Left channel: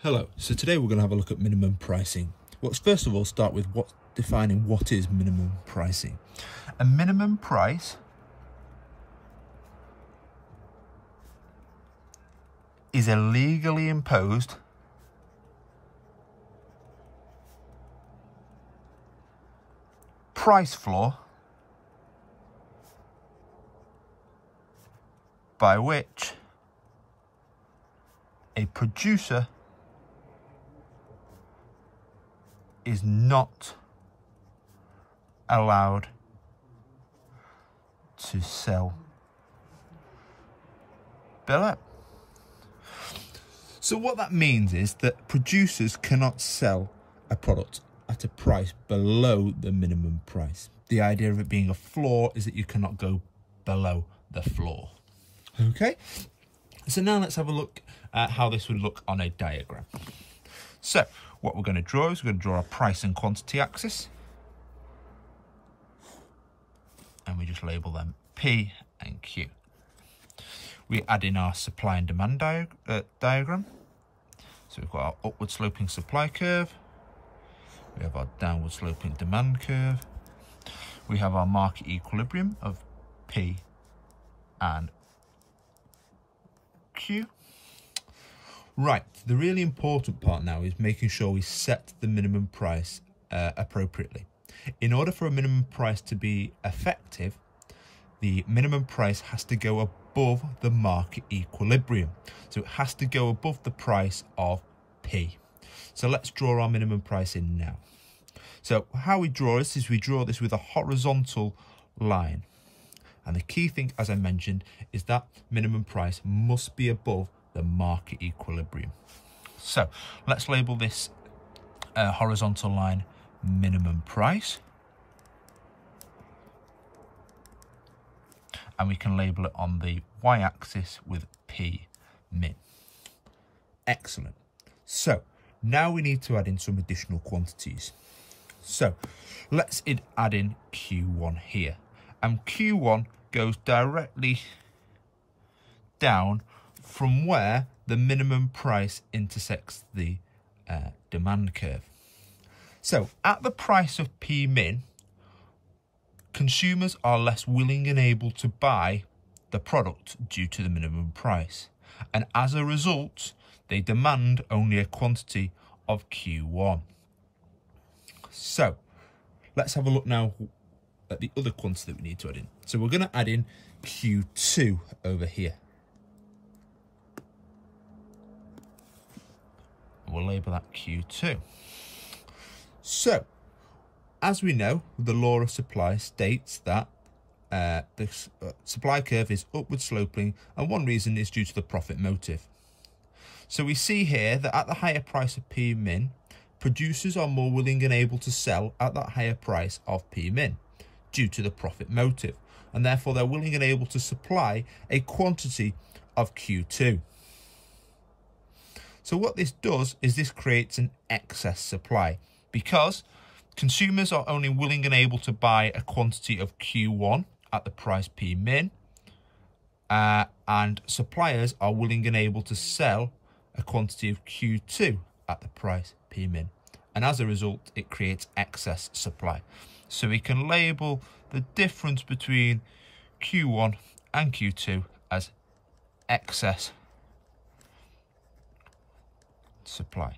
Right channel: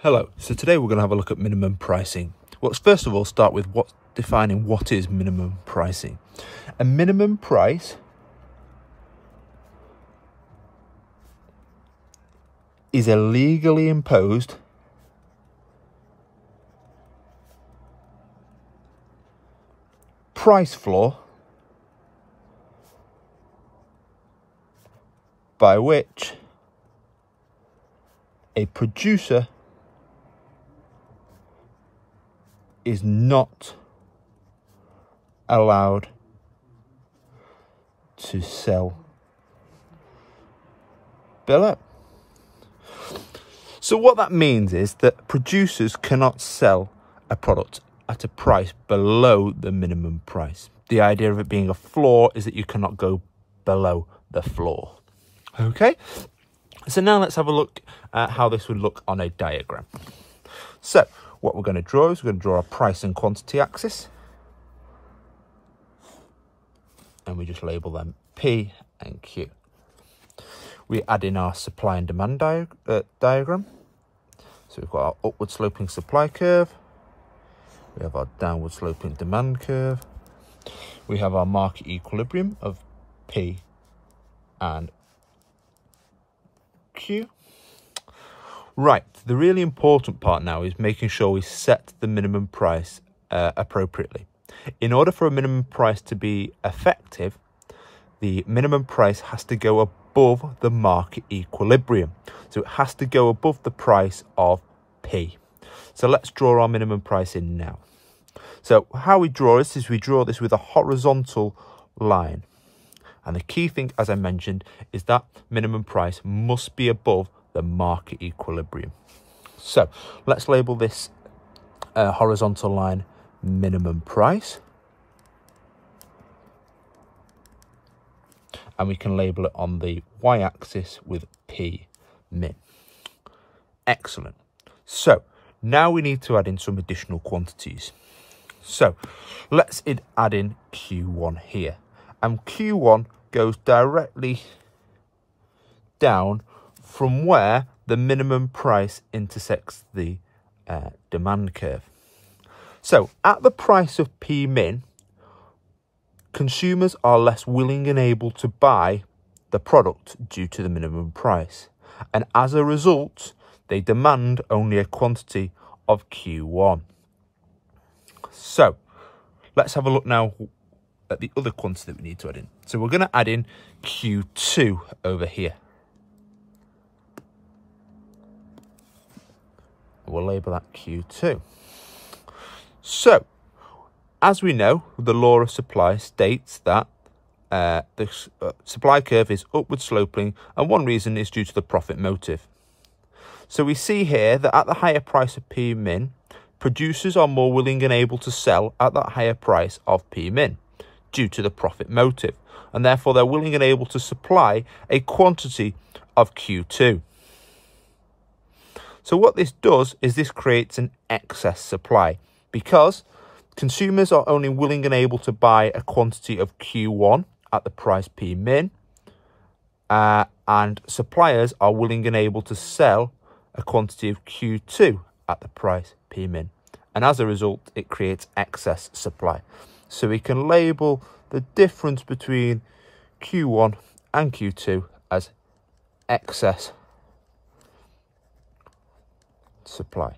Hello, so today we're going to have a look at minimum pricing. Let's first of all start with defining what is minimum pricing. A minimum price is a legally imposed price floor by which a producer is not allowed to sell billet. So what that means is that producers cannot sell a product at a price below the minimum price. The idea of it being a floor is that you cannot go below the floor. Okay, so now let's have a look at how this would look on a diagram. So what we're going to draw is we're going to draw a price and quantity axis, and we just label them P and Q. We add in our supply and demand diagram. So we've got our upward sloping supply curve, we have our downward sloping demand curve, we have our market equilibrium of P and Q. Right, the really important part now is making sure we set the minimum price appropriately. In order for a minimum price to be effective, the minimum price has to go above the market equilibrium. So it has to go above the price of P. So let's draw our minimum price in now. So how we draw this is we draw this with a horizontal line. And the key thing, as I mentioned, is that minimum price must be above the market equilibrium. So let's label this horizontal line minimum price, and we can label it on the y-axis with P min. Excellent. So now we need to add in some additional quantities. So let's add in Q1 here, and Q1 goes directly down from where the minimum price intersects the demand curve. So at the price of P min, consumers are less willing and able to buy the product due to the minimum price. And as a result, they demand only a quantity of Q1. So let's have a look now at the other quantity that we need to add in. So we're going to add in Q2 over here. We'll label that Q2. So, as we know, the law of supply states that the supply curve is upward sloping, and one reason is due to the profit motive. So we see here that at the higher price of P min, producers are more willing and able to sell at that higher price of P min due to the profit motive, and therefore they're willing and able to supply a quantity of Q2. So what this does is this creates an excess supply, because consumers are only willing and able to buy a quantity of Q1 at the price P min, and suppliers are willing and able to sell a quantity of Q2 at the price P min. And as a result, it creates excess supply. So we can label the difference between Q1 and Q2 as excess supply.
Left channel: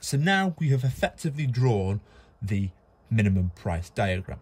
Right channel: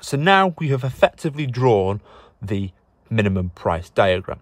So now we have effectively drawn the minimum price diagram.